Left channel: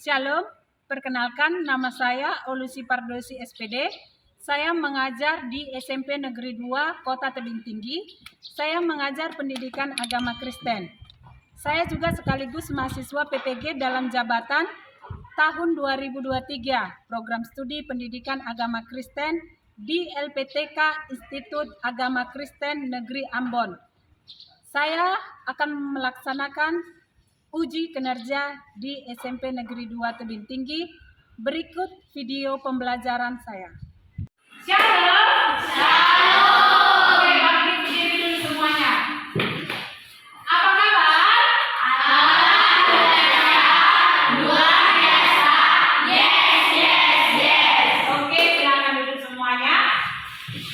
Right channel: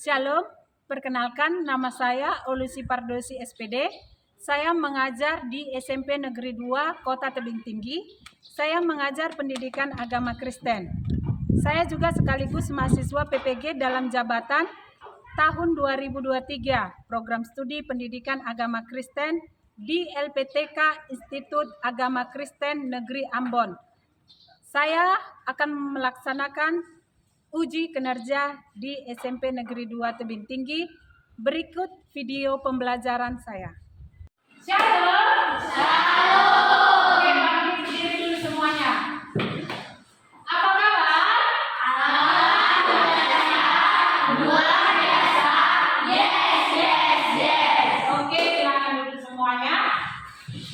Shalom, perkenalkan nama saya Olusi Pardosi SPD. Saya mengajar di SMP Negeri 2 Kota Tebing Tinggi. Saya mengajar pendidikan agama Kristen. Saya juga sekaligus mahasiswa PPG dalam jabatan tahun 2023 Program Studi Pendidikan Agama Kristen di LPTK Institut Agama Kristen Negeri Ambon. Saya akan melaksanakan uji kinerja di SMP Negeri 2 Tebing Tinggi. Berikut video pembelajaran saya. Shalom. Shalom. Oke, bangkit berdiri dulu semuanya. Apa kabar? Alhamdulillah. Luar biasa. Yes, yes, yes. Oke, silakan duduk semuanya.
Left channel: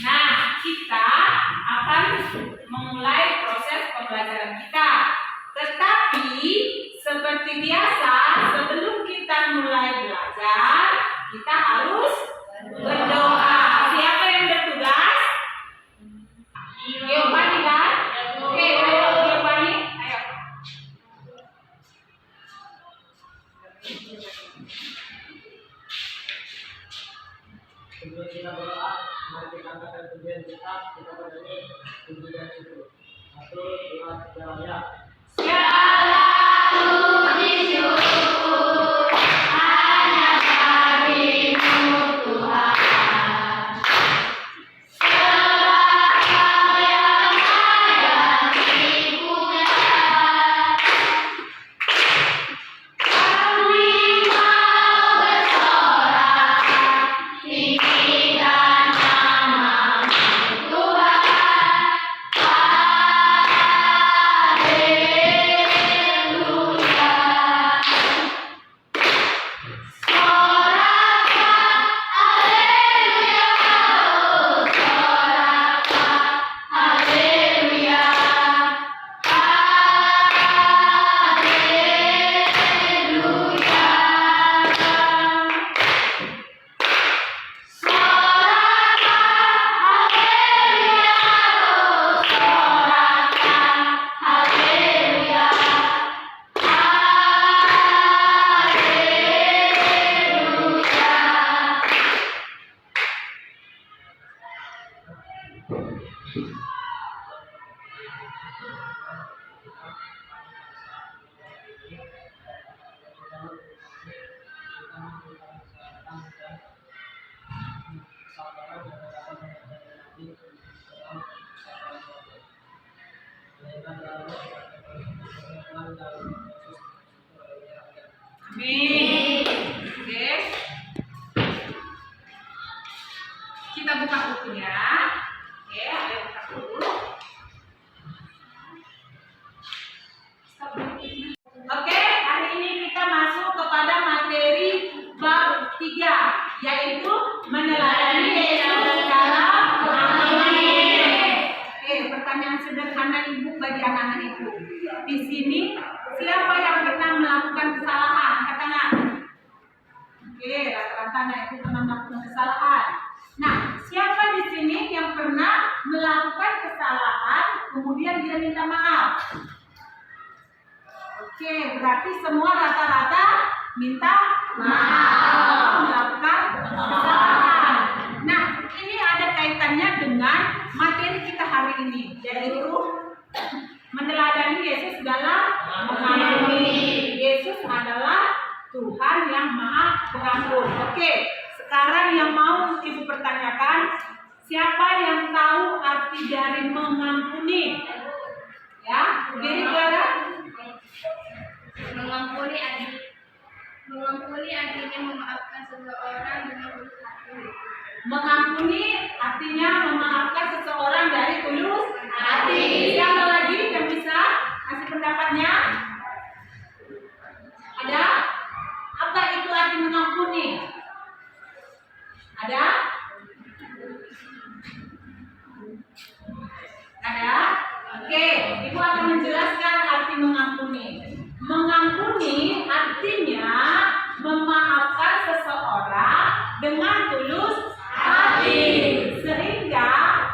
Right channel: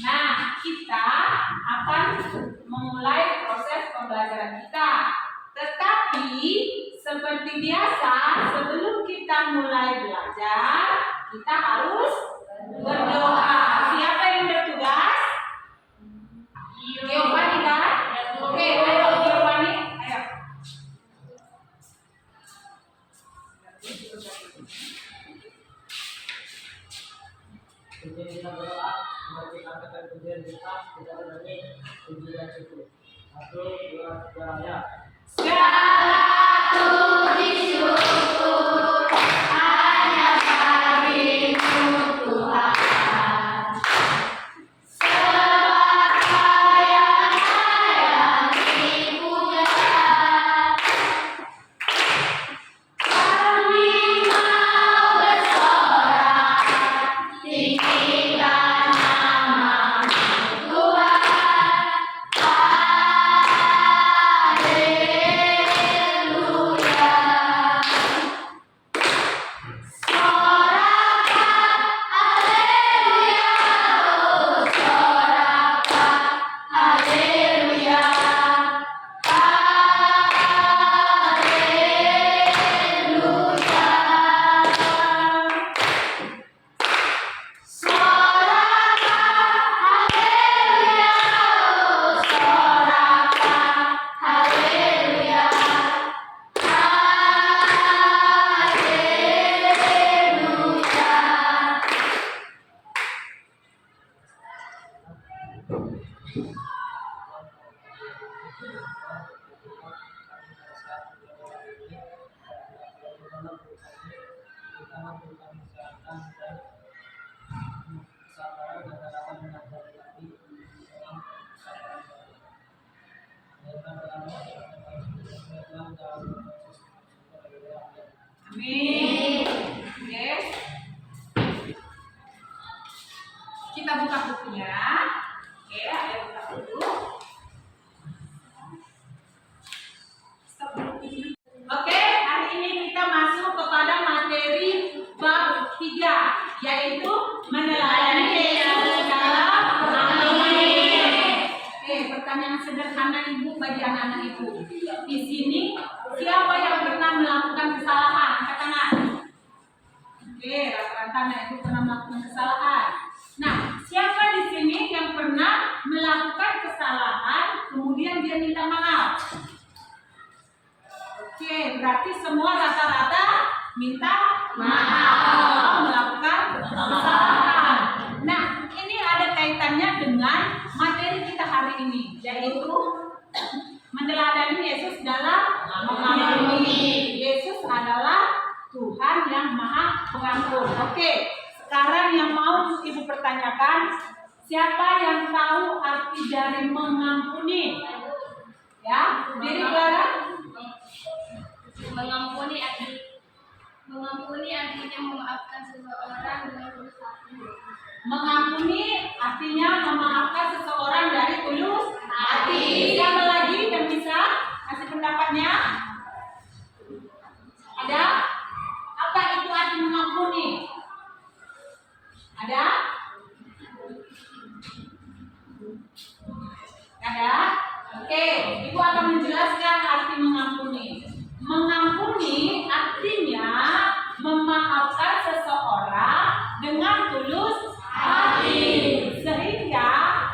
Nah, kita akan memulai proses pembelajaran kita. Tetapi seperti biasa, sebelum kita mulai belajar, kita harus berdoa. Siapa yang bertugas? Giovanni kan? Oke, ayo Giovanni, ayo. Sebelum kita berdoa, mari kita angkatkan pujian kita bernyanyi puji dan syukur. 1, 2, 3, ya. Segala puji syukur hanya bagimu Tuhan. Sebab Kau yang layak dipuja. Kami mau bersorak tinggikan nama-Mu Tuhan. Amin. Oke. Kita buka bukunya. Oke, ayo buka dulu. Oke, hari ini kita masuk kepada materi bab 3, yaitu meneladani Yesus dalam amin. Oke, pertanyaan sederhana Ibu bagi anak-anak Ibu. Di sini siapa yang pernah melakukan kesalahan? Angkat tangan. Oke, rata-rata anak Ibu pernah melakukan kesalahan. Nah, siapa di sini yang pernah melakukan kesalahan kemudian dia minta maaf? Oke, berarti semua rata-rata minta maaf melakukan kesalahan. Nah, ini ada kaitannya dengan materi kita hari ini, yaitu meneladani Yesus dalam mengampuni. Yesus adalah Tuhan yang Maha Pengampun. Oke, sekarang yang mau Ibu pertanyakan, siapa yang tahu arti dari mengampuni? Ya, diri Clara. Mengampuni artinya memaafkan seseorang dengan tulus hati. Mengampuni artinya memaafkan seseorang dari tulus hati. Siapa lagi yang bisa kasih pendapatnya? Ada? Apa itu arti mengampuni? Ada? Ada? Oke, Ibu akan menjelaskan arti mengampuni. Mengampuni artinya memaafkan seseorang dengan tulus hati, sehingga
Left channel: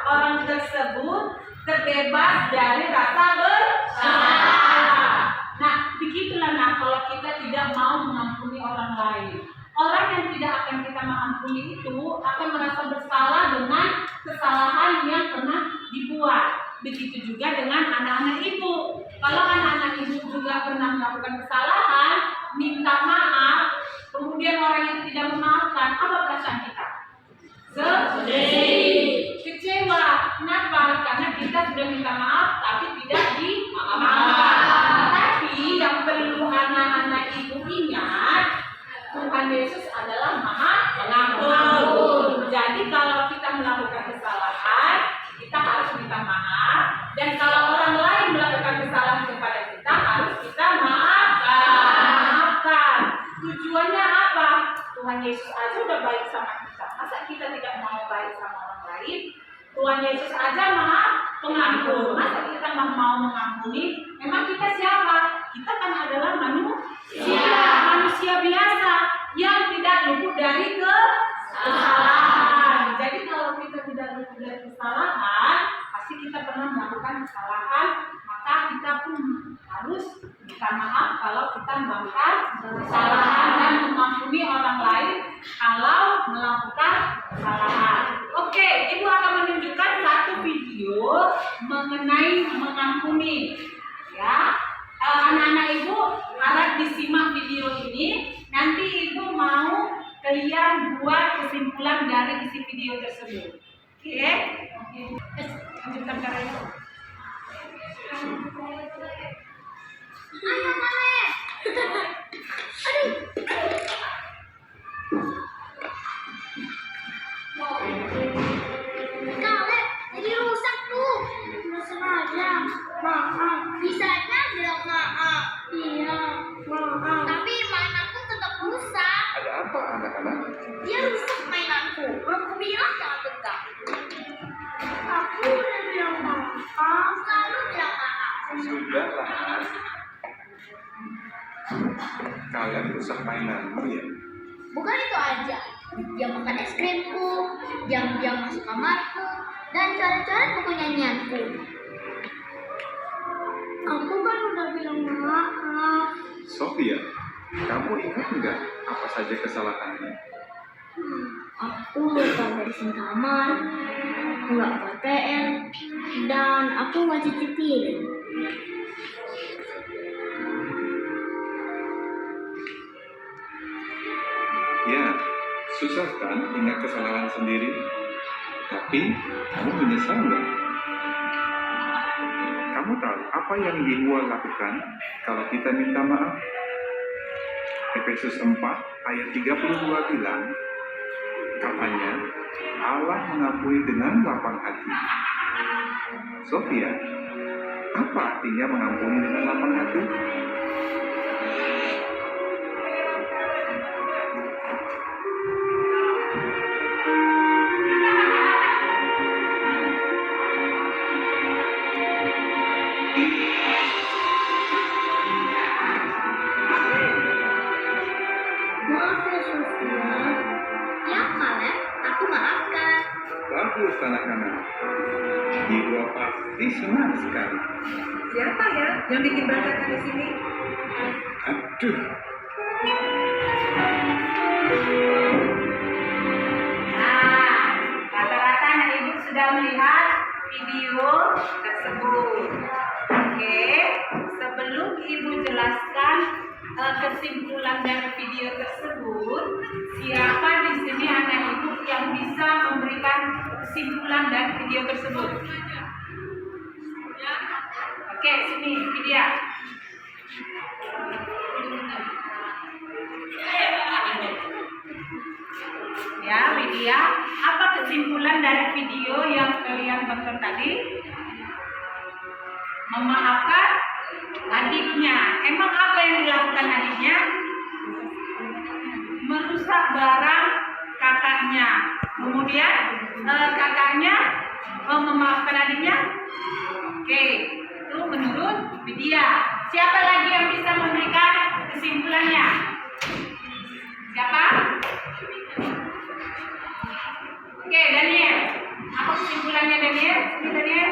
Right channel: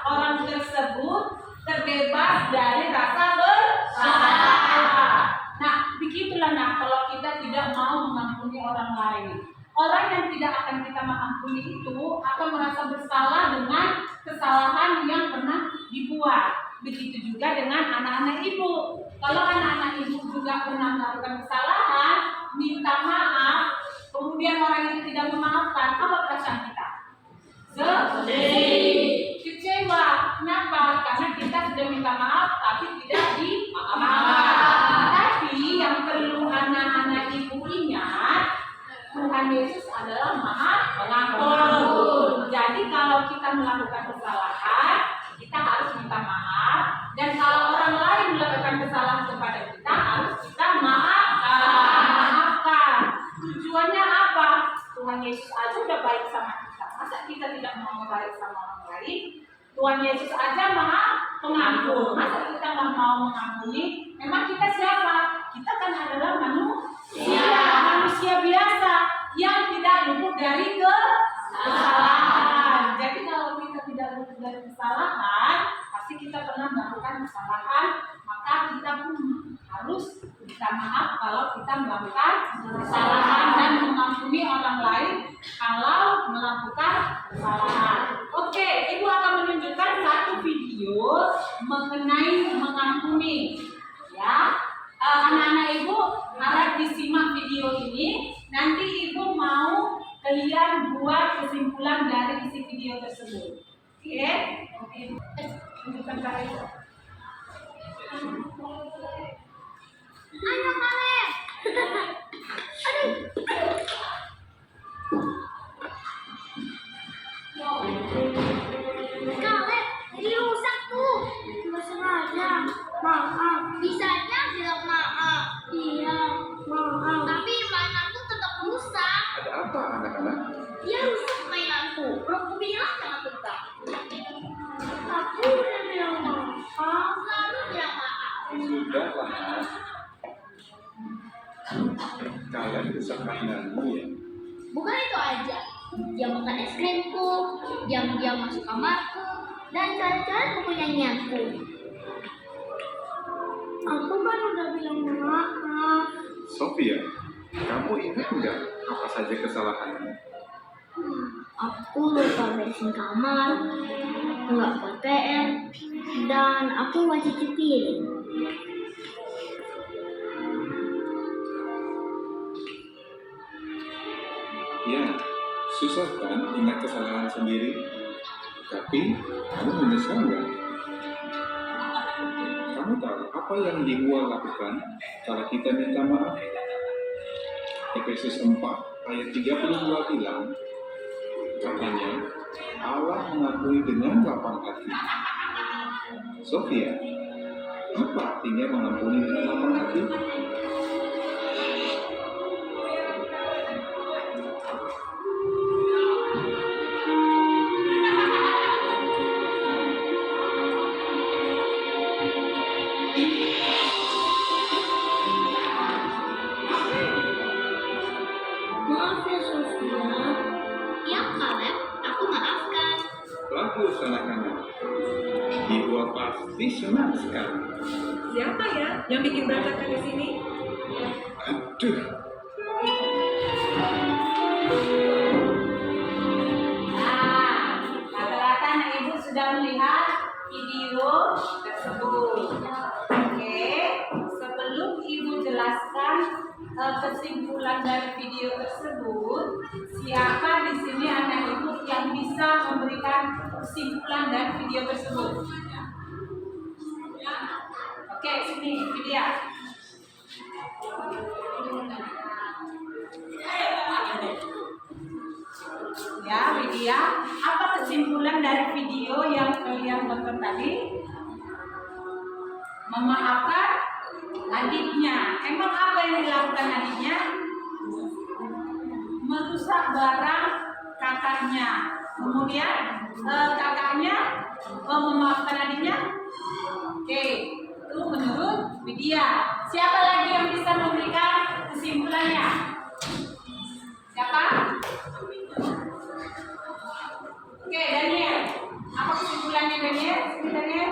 orang tersebut terbebas dari rasa bersalah. Nah, begitu Begitulah nah kalau kita tidak mau mengampuni orang lain. Orang yang tidak akan kita mengampuni itu akan merasa bersalah dengan kesalahan yang pernah dibuat. Begitu juga dengan anak-anak ibu. Kalau anak-anak ibu juga pernah melakukan kesalahan, minta maaf, kemudian orang yang tidak memaafkan, apa perasaan kita? Sedih, kecewa. Kenapa? Karena kita sudah minta maaf tapi tidak dimaafkan. Tapi yang perlu anak-anak ibu ingat, Tuhan Yesus adalah Maha Pengampun. Jadi kalau kita melakukan kesalahan, kita harus minta maaf. Dan kalau orang lain melakukan kesalahan kepada kita, harus kita maafkan. Tujuannya apa? Tuhan Yesus aja udah baik sama kita. Masa kita tidak mau baik sama orang lain? Tuhan Yesus aja Maha Pengampun. Masa kita nggak mau mengampuni? Memang kita siapa? Kita kan adalah manusia biasa yang tidak luput dari kesalahan. Jadi kalau kita tidak luput dari kesalahan, pasti kita pernah melakukan kesalahan, maka kita pun harus minta maaf kalau kita melakukan kesalahan dan mengampuni orang lain kalau melakukan kesalahan. Oke, Ibu akan menunjukkan satu video mengenai mengampuni. Ya, anak-anak Ibu harap disimak video ini. Nanti Ibu mau kalian buat kesimpulan dari isi video tersebut. Oke? Lanjutkan Kak Ibu. Ayo Kale. Aduh. Kale, jadi rusak tuh. Nggak sengaja. Maaf. Bisanya bilang maaf. Iya, maaf. Tapi mainanku tetap rusak. Ada apa anak-anak? Dia rusak mainanku. Aku bilang jangan pegang. Aku udah bilang maaf. Selalu bilang maaf. Sudahlah, Nak. Kalian rusak mainanmu ya? Bukan itu aja. Dia makan es krimku, diam-diam masuk kamarku, dan coret-coret buku nyanyianku. Aku kan udah bilang maaf. Sofia, kamu ingat nggak apa saja kesalahannya? Aku lupa beresin kamar, nggak buat PR, dan aku nggak cuci piring. Ya, susah kan ingat kesalahan sendiri? Tapi, kamu menyesal nggak? Kamu tahu apa yang Yehuwa lakukan kalau kita minta maaf? Efesus 4 ayat 32 bilang, katanya, Allah mengampuni dengan lapang hati. Sofia, apa artinya mengampuni dengan lapang hati? Maaf ya Sofia. Ya Kaleb, aku maafkan. Bagus anak-anak. Yehuwa pasti senang sekali. Siapa ya yang bikin berantakan di sini? Aduh, Nah, rata-rata anak Ibu sudah melihat video tersebut. Oke, sebelum Ibu jelaskan kesimpulan dari video tersebut, siapa di sini anak Ibu yang bisa memberikan kesimpulan dari video tersebut? Oke, sini Vidya. Ya, Widya, apa kesimpulan dari video yang kalian tonton tadi? Memaafkan adiknya. Emang apa yang dilakukan adiknya? Merusak barang kakaknya. Kemudian kakaknya memaafkan adiknya. Oke, itu menurut Widya. Siapa lagi yang bisa memberikan kesimpulannya? Siapa? Oke, Daniel. Apa kesimpulannya Daniel? Sini Daniel.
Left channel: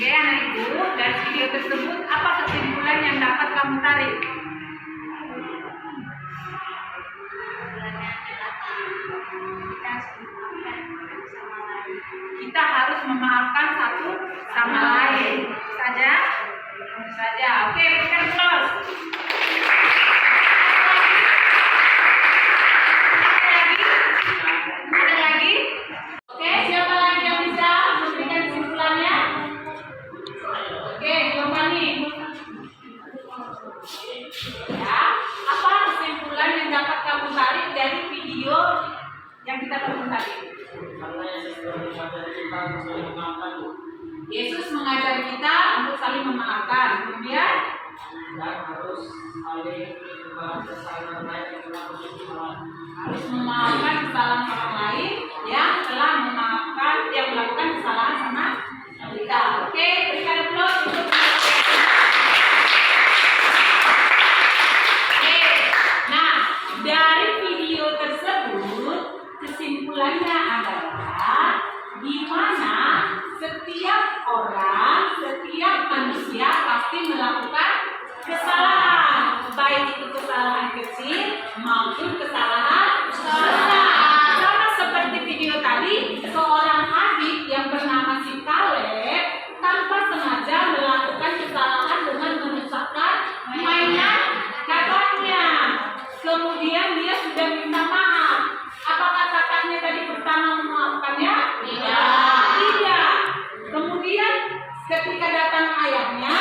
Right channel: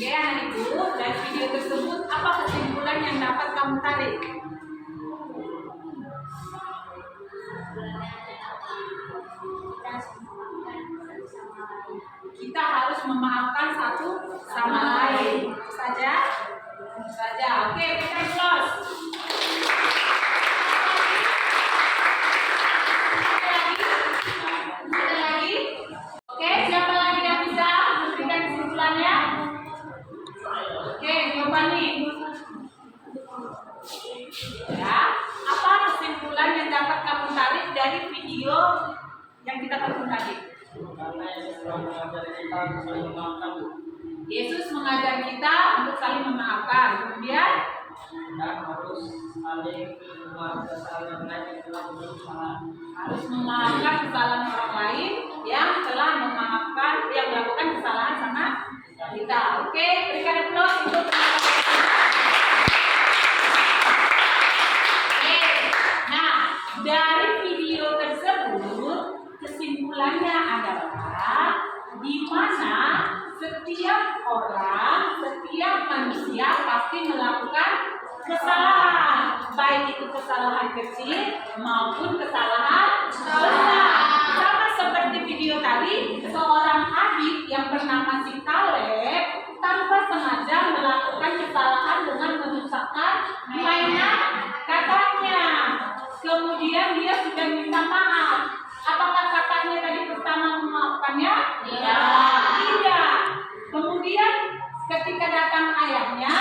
Oke, anak ibu, dari video tersebut apa kesimpulan yang dapat kamu tarik? Kita harus memaafkan satu sama lain. Saja? Saja. Oke, berikan close. Ada lagi? Oke, siapa lagi yang bisa memberikan kesimpulannya? Oke, Giovanni. Ya, apa kesimpulan yang dapat kamu tarik dari video yang kita tonton tadi? Karena Yesus telah mengajari kita untuk saling memaafkan Yesus mengajari kita untuk saling memaafkan. Kemudian dan harus saling memaafkan kesalahan yang lain yang telah menjadi kesalahan. harus memaafkan kesalahan orang lain yang telah melakukan kesalahan sama kita. Oke, berikan applause untuk Oke. Nah, dari video tersebut kesimpulannya adalah di mana setiap orang, setiap manusia pasti melakukan kesalahan, baik itu kesalahan kecil maupun kesalahan besar. Sama seperti video tadi, seorang Habib yang bernama si Kaleb tanpa sengaja melakukan kesalahan dengan merusakkan mainan kakaknya. Kemudian dia sudah minta maaf. Apakah kakaknya tadi pertama memaafkannya? Tidak. Kemudian ketika datang ayahnya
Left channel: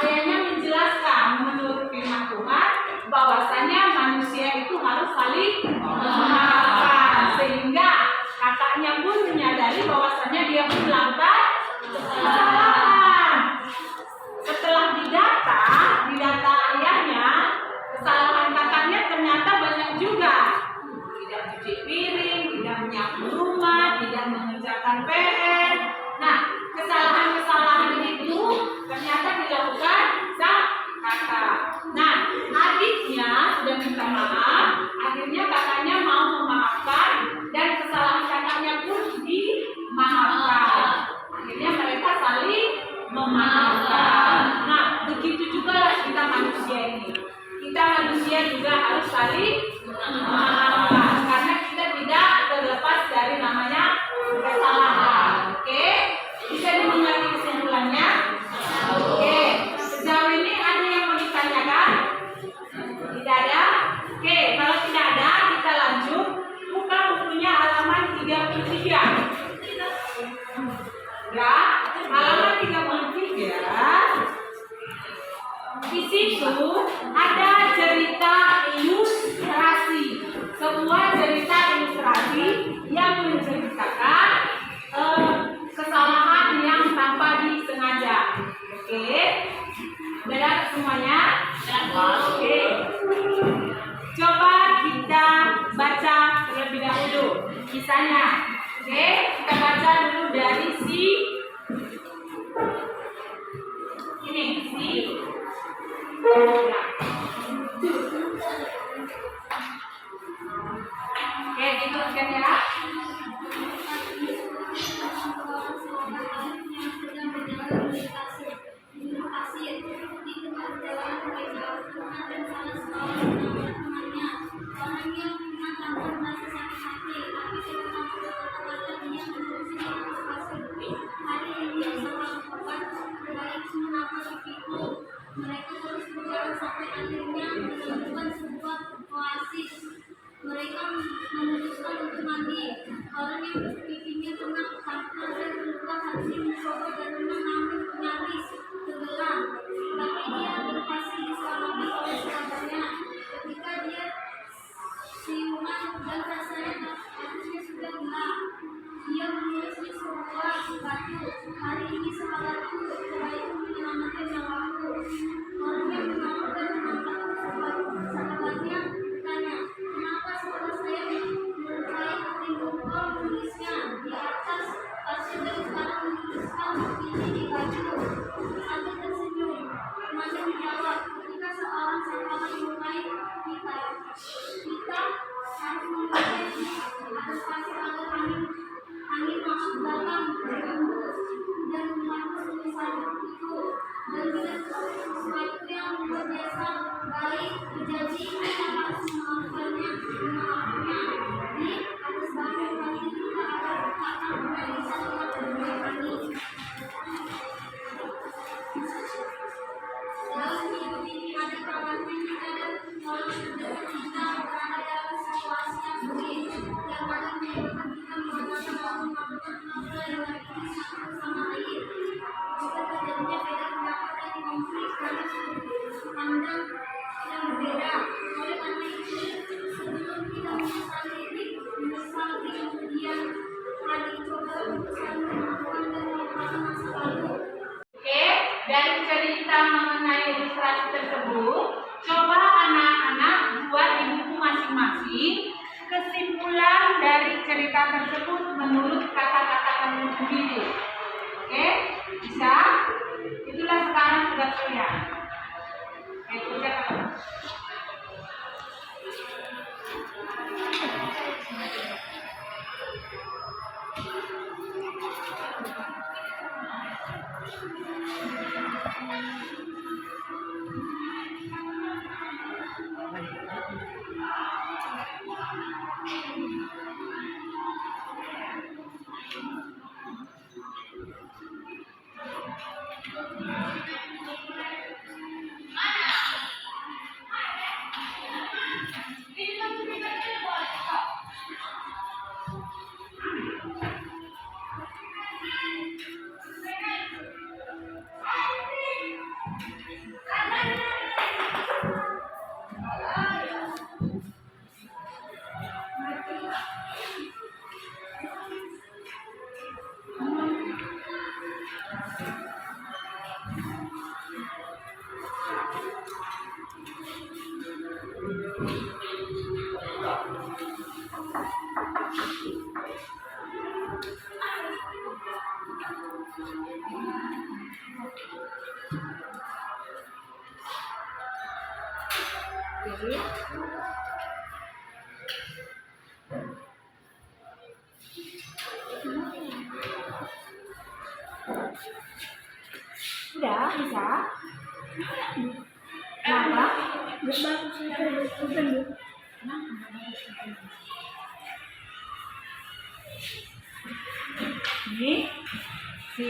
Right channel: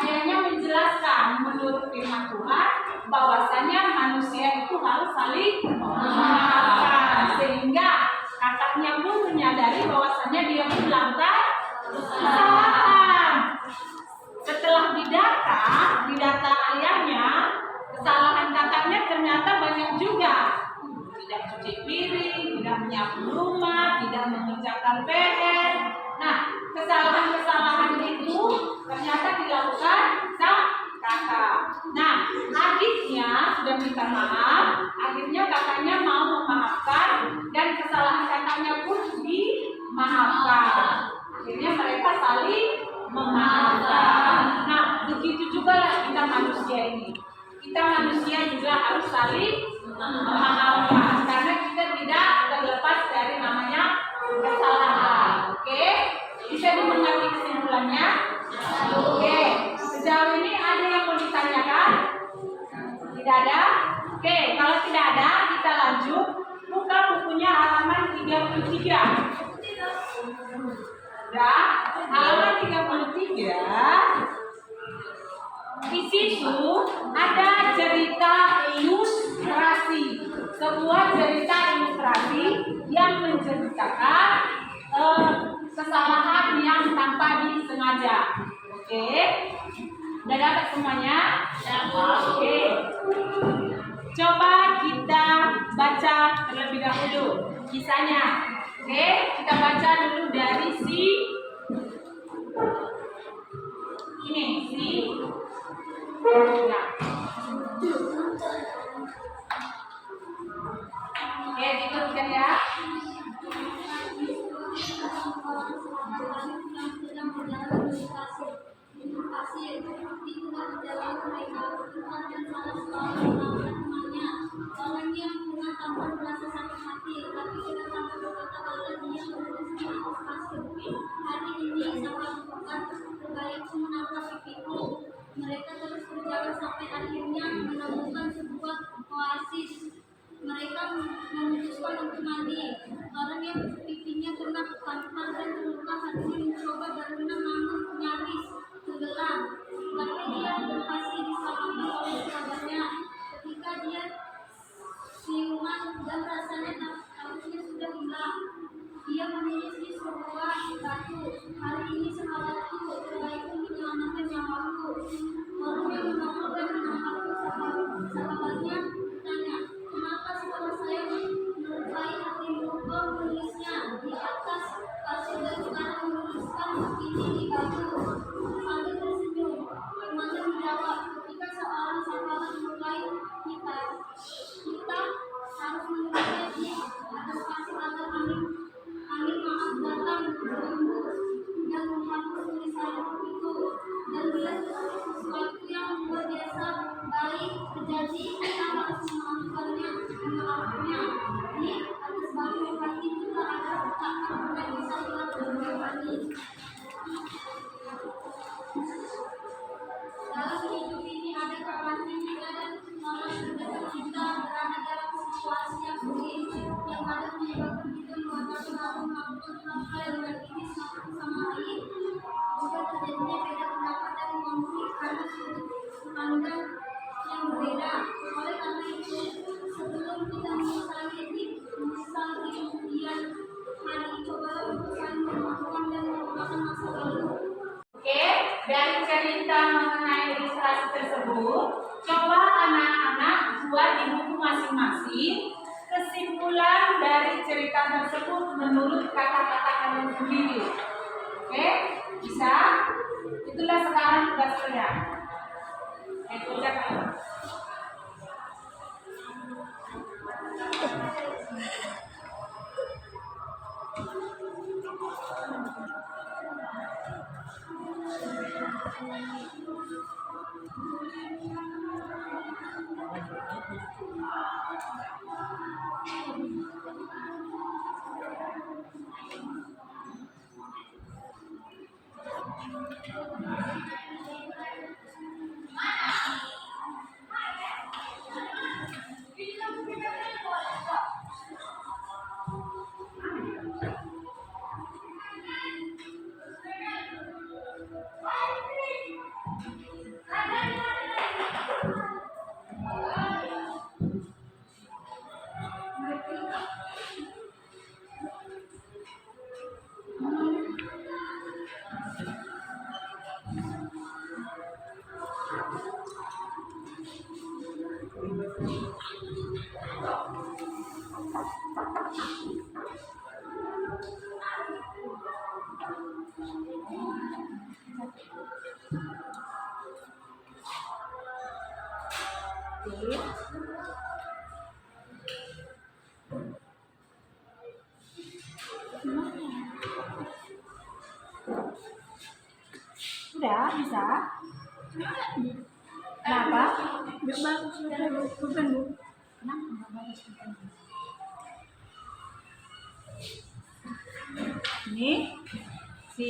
menjelaskan menurut firman Tuhan bahwasanya manusia itu harus saling memaafkan, sehingga kakaknya pun menyadari bahwasanya dia pun melakukan kesalahan. Setelah didata ayahnya, kesalahan kakaknya ternyata banyak juga. Tidak cuci piring, tidak menyapu rumah, tidak mengerjakan PR. Nah, kesalahan-kesalahan itu ternyata dilakukan sang kakak. Nah, adiknya sudah minta maaf, akhirnya kakaknya mau memaafkan dan kesalahan kakaknya pun dimaafkan. Akhirnya mereka saling memaafkan. Nah, begitu juga kita manusia ini. Kita manusia juga harus saling memaafkan karena kita tidak terlepas dari namanya kesalahan. Oke? Bisa dimengerti kesimpulannya? Oke. Sejauh ini ada yang mau ditanyakan? Tidak ada? Oke, kalau tidak ada kita lanjut. Buka bukunya halaman 33. Udah? Halaman 33. Di situ ada cerita ilustrasi, sebuah cerita ilustrasi yang menceritakan kesalahan yang tanpa disengaja. Oke, udah dapat semuanya? Oke, coba kita baca terlebih dahulu kisahnya. Oke, kita baca dulu dari ya. Oke, gitu kan ya. Mereka terus berjalan sampai akhirnya menemukan sebuah oasis. Mereka memutuskan untuk mandi. Orang yang pipinya kena kanker dan terluka hati mencoba berenang namun nyaris tenggelam. Tapi dia berhasil diselamatkan oleh sahabatnya. Ketika dia siuman dan rasanya harusnya sudah hilang, dia menulis di sebuah batu, "Hari ini sahabatku, sebaikku menyelamatkan nyawaku." Orang yang menolong dan menyelamatkan sahabatnya tanya, "Kenapa setelah saya melukai hatimu, kau menulisnya di atas pasir dan sekarang menuliskan ini di batu?" Sambil tersenyum, temannya menjawab, "Ketika seorang sahabat melukai kita harus menulisnya di atas pasir agar angin maaf datang berhembus dan Satu hati pula ada kakak mengalisa dengan berani. Dalam hidup ini ada kalanya kita dan orang terdekat kita berada dalam situasi yang sulit, yang kadang menyebabkan kita mengatakan aku melakukan hal dengan ini satu sama lain. Juga terjadinya beda pendapat dan konflik karena sudut pandang yang berbeda. Oleh karena itu, sebelum kita menyesal di kemudian hari, cobalah untuk saling memaafkan dan melupakan masa lalu. Oke, dari cerita mengenai ilustrasi tersebut, coba anak-anak buat di buku masing-masing kesimpulan dari cerita tersebut menurut kata-kata kalian sendiri. Oke, bisa? Itulah sekarang tugas kalian. Oke, kerjakan. Oke. Udah bisa? Kenapa? Ini si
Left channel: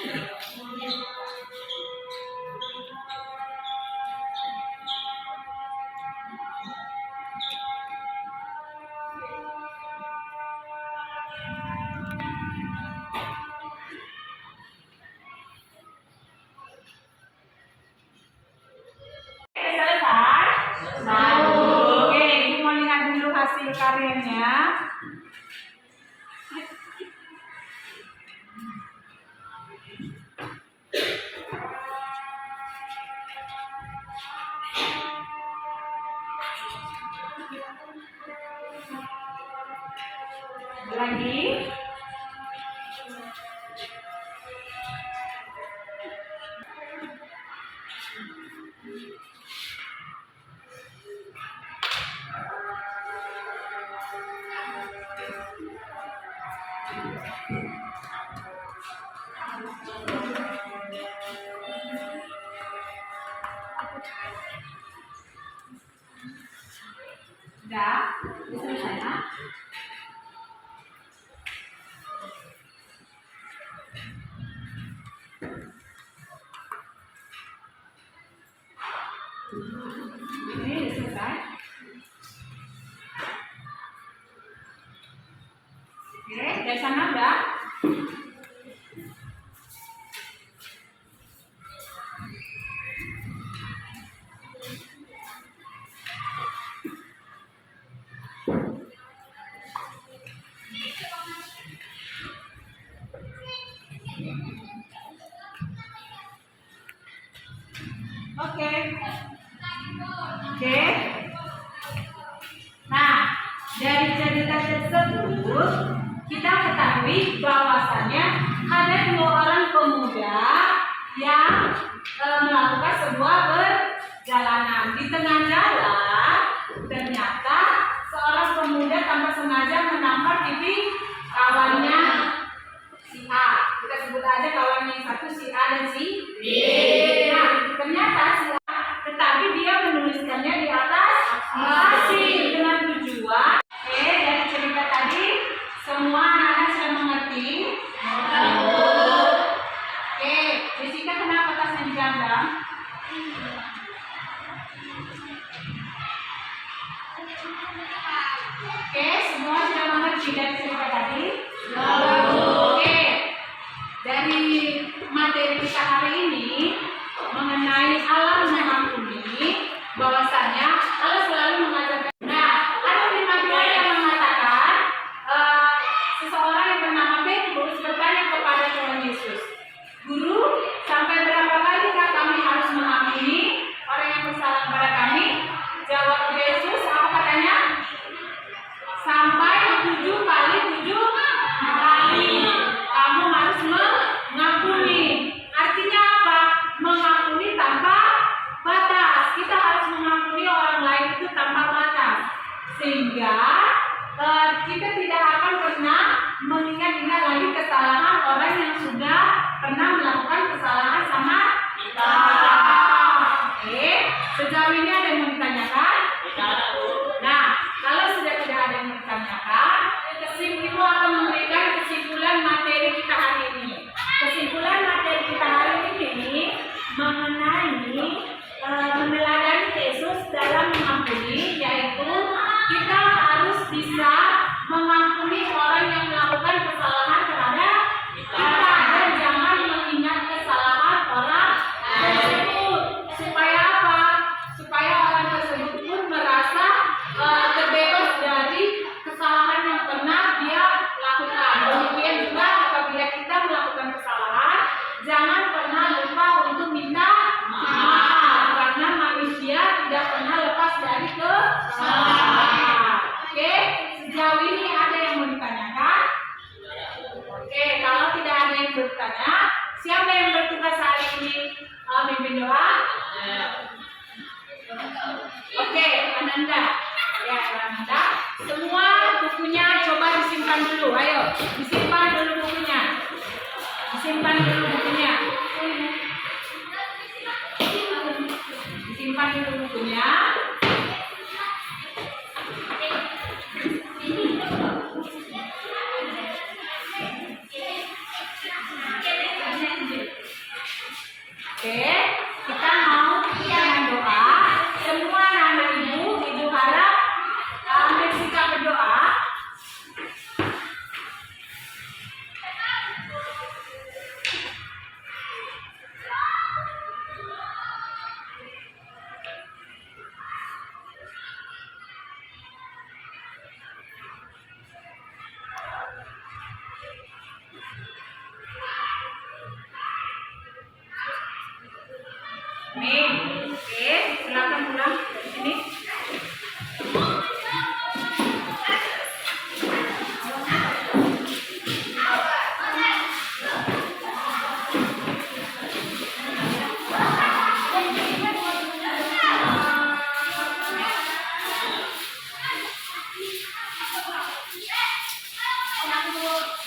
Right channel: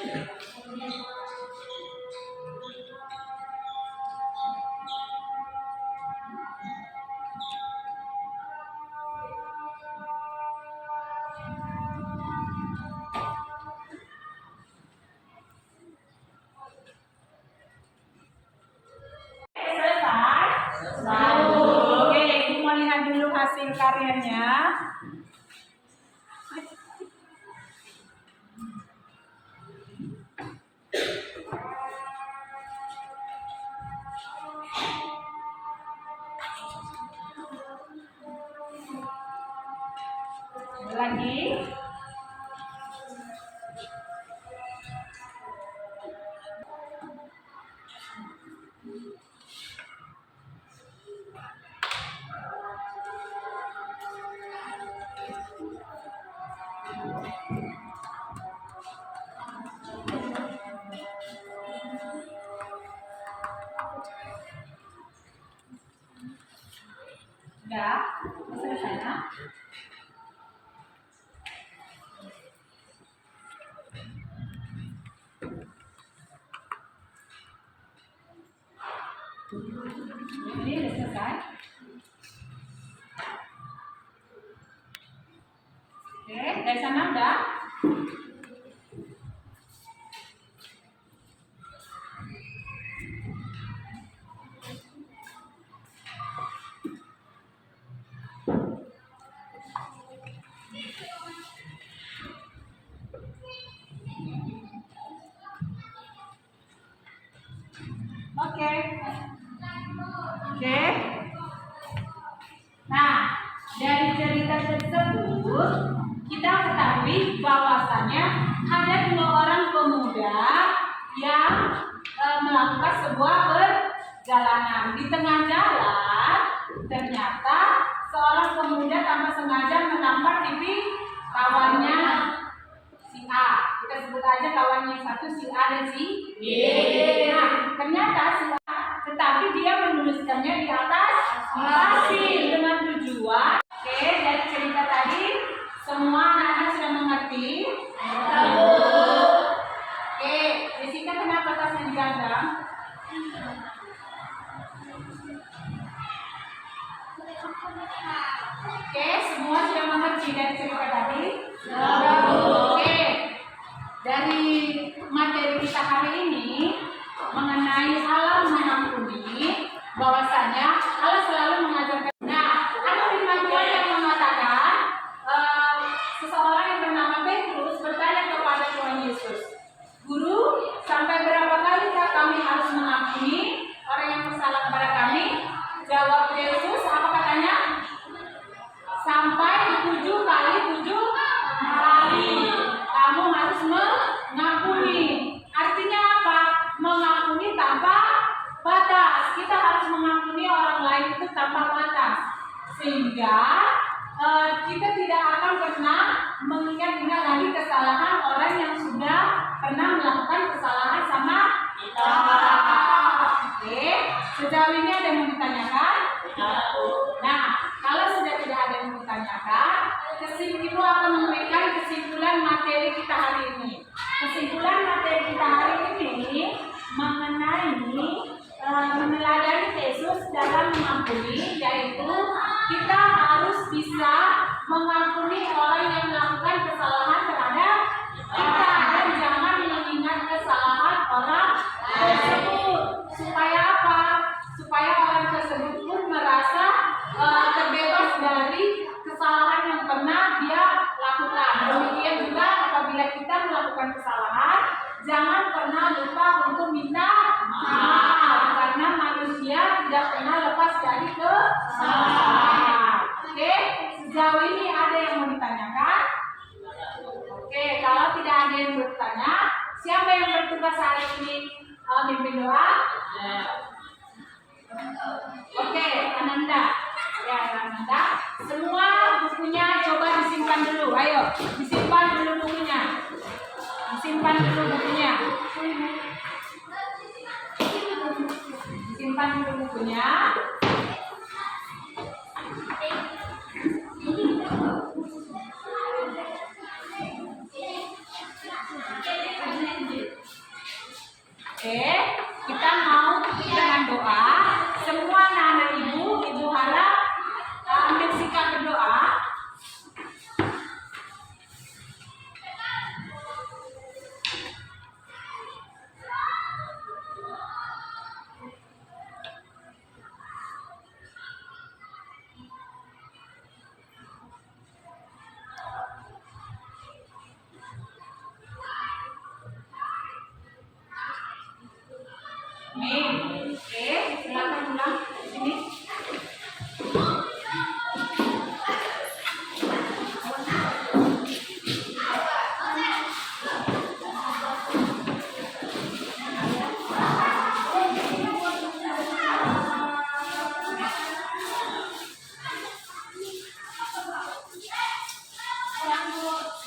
Selesai? Oke, Ibu mau lihat dulu hasil karyanya. Lagi. Udah? Selesai ya? Ini udah selesai. Oke, dari sana udah. Oke. Oke. Nah, dari cerita tersebut kita ketahui bahwasannya ada 2 orang pemuda yang melakukan sebuah perjalanan. Di tengah jalan ternyata seorang pemuda tanpa sengaja menampar pipi kawannya si A. Kita sebut aja kawan yang satu si A dan si B. Nah, ternyata si A, tetapi dia menuliskannya di atas pasir dengan tujuan. Oke, dari cerita tadi semua anak-anak sudah mengerti. Oke, Jessica kenapa tasnya digadang? Oke, semua sudah mengerti dari cerita tadi? Oke, dari materi kita hari ini mengenai Allah mengampuni, bahwasannya Allah selalu mengajarkan. Nah, ada firman Tuhan yang mengatakan seseorang yang bernama Petrus bertanya kepada Tuhan Yesus, "Guru, sampai berapa kalikah kami harus mengampuni orang yang bersalah kepada kami?" Jawab Yesus, apa katanya? Sampai 7 kali 7 kali kamu harus mengampuni. Artinya apa? Mengampuni tanpa batas. Kita harus mengampuni orang lain itu tanpa batas, sehingga kita tidak akan pernah mengingat-ingat lagi kesalahan orang yang sudah pernah melakukan kesalahan sama kita. Oke, sejauh ini ada yang mau ditanyakan? Nah, kalau sudah tidak ada yang mau ditanyakan, Ibu akan memberikan kesimpulan materi kita hari ini. Kesimpulan materi kita hari ini mengenai meneladani Yesus dalam mengampuni, yaitu kita harus bisa mengampuni orang yang melakukan kesalahan terhadap kita dan jangan mengingat kesalahan orang tersebut. Supaya apa? Supaya orang tersebut pun merasa terbebas dari kesalahan yang pernah dia lakukan. Demikian juga apabila kita melakukan kesalahan, jangan pernah lupa untuk minta maaf, karena manusia tidak pernah lepas dari kesalahan. Oke, sejauh ini ada yang mau ditanyakan? Oke, kalau tidak ada yang bertanya, siapa yang bertugas hari ini mimpin doa? Oke, Ananda. Ya, Ananda. Semua bukunya coba disimpan dulu. Ayo, disimpan dulu bukunya. Disimpan dulu bukunya. Disimpan dulu bukunya. Amin. Oke, silakan pulang dari sini.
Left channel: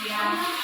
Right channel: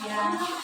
Ya.